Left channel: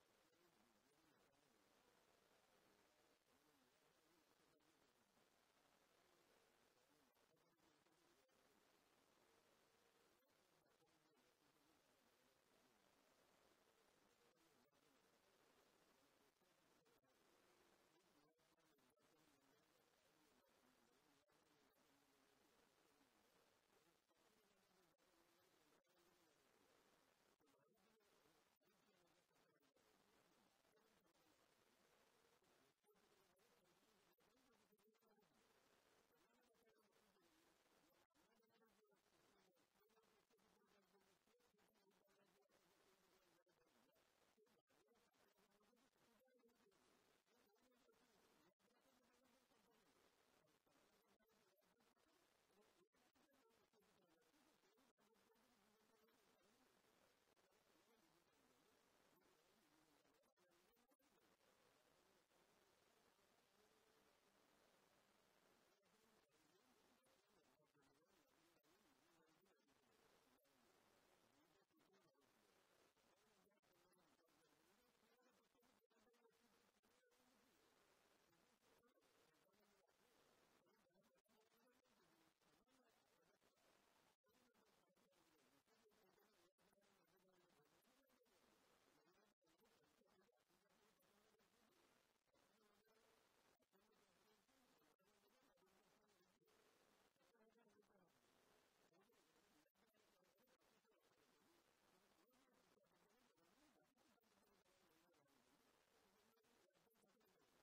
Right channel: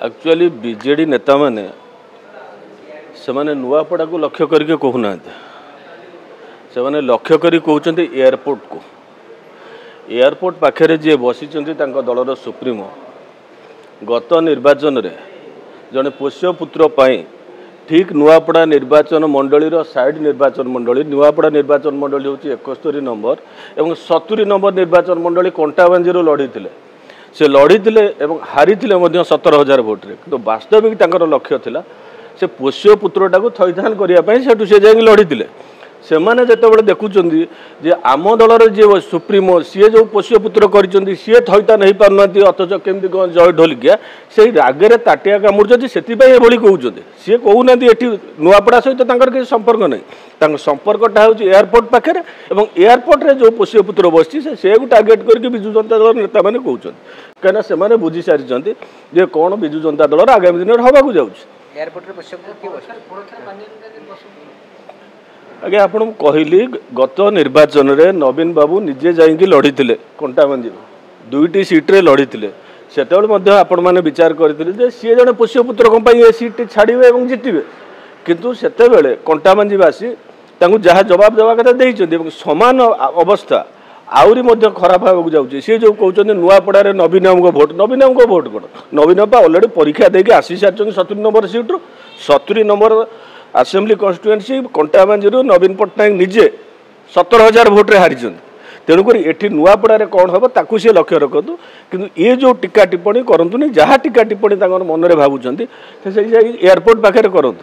Actually BJD नेता माने से माने नुआपड़ा को लक्ष्य करके कहूना से माने लक्ष्य करी कहते एयरपोर्ट को एयरपोर्ट पाखे जी बसी दलर सुप्रीमो गत निर्वाचन रे जड़े पोष्यपुत्र ठीक नुआपड़ा निर्वाचन मंडलीर साइड निर्वाचन मंडली नुआपड़ा निर्वाचन मंडली हूँ 71 नंबर और 70 नंबर निर्वाचन मंडली कंटाबांजी लड़ी से लड़ी हारी 17,000 भोट्रे कि वास्तविक लक्ष्य था से पोष्यपुत्रटा को थैथान करने से जाए लड़ी से मैंने जिते देखुं जे आम दलर जी सुप्रीमो सी जो पोष्यपुत्र कर सी थैथान हो पार अथच केमती जय ढोलिकिया से रागे ताटिया कामुड़ी से कहते सी कहना ये नुआपड़ा सहित किसी संपर्क नहीं संपर्कटा हूँ एयरपोर्ट पाखे एयरपोर्ट रे जो पोष्यपुत्र बसी से टार्गेट करके विजु जनता दल नेता मैंने कहते कहीं से बुझी सारी जे कौन विजु जनता दल आगामी दिन में हवाक जाऊँगी आज्ञा आपन कहली गत निर्वाचन रे नवीन बाबू निजे जाइए लड़ी कंटाबांजी 2टी सीट्रे लड़ी से आपण मैंने विचार करते सी जड़े पोष्यपुत्र ये सीट छाड़े और जितबे किंतु सेते कंटाबांजीवासी जहाँ जवाब देवा कथा देते सामान अवस्था आहरी खराब होगा जाऊँगी सी जो कहते नुआपड़ा नवीन भोट कौन नवीन अलरेडी परीक्षा देके आसी सारी 70 number सीट्रु 70 number assembly constituency Kantabanji नवीन पट्टनायक निजे 17,000 भोट्रे हारी तेणुक ये नुआपड़ा कौन हम ताकू सी लक्ष्य रखु कि ये जो टीका टिप्पणी करूँ जहाँ टीका टिप्पणी मन में भावुं एयरपोर्ट पाखे करूँ।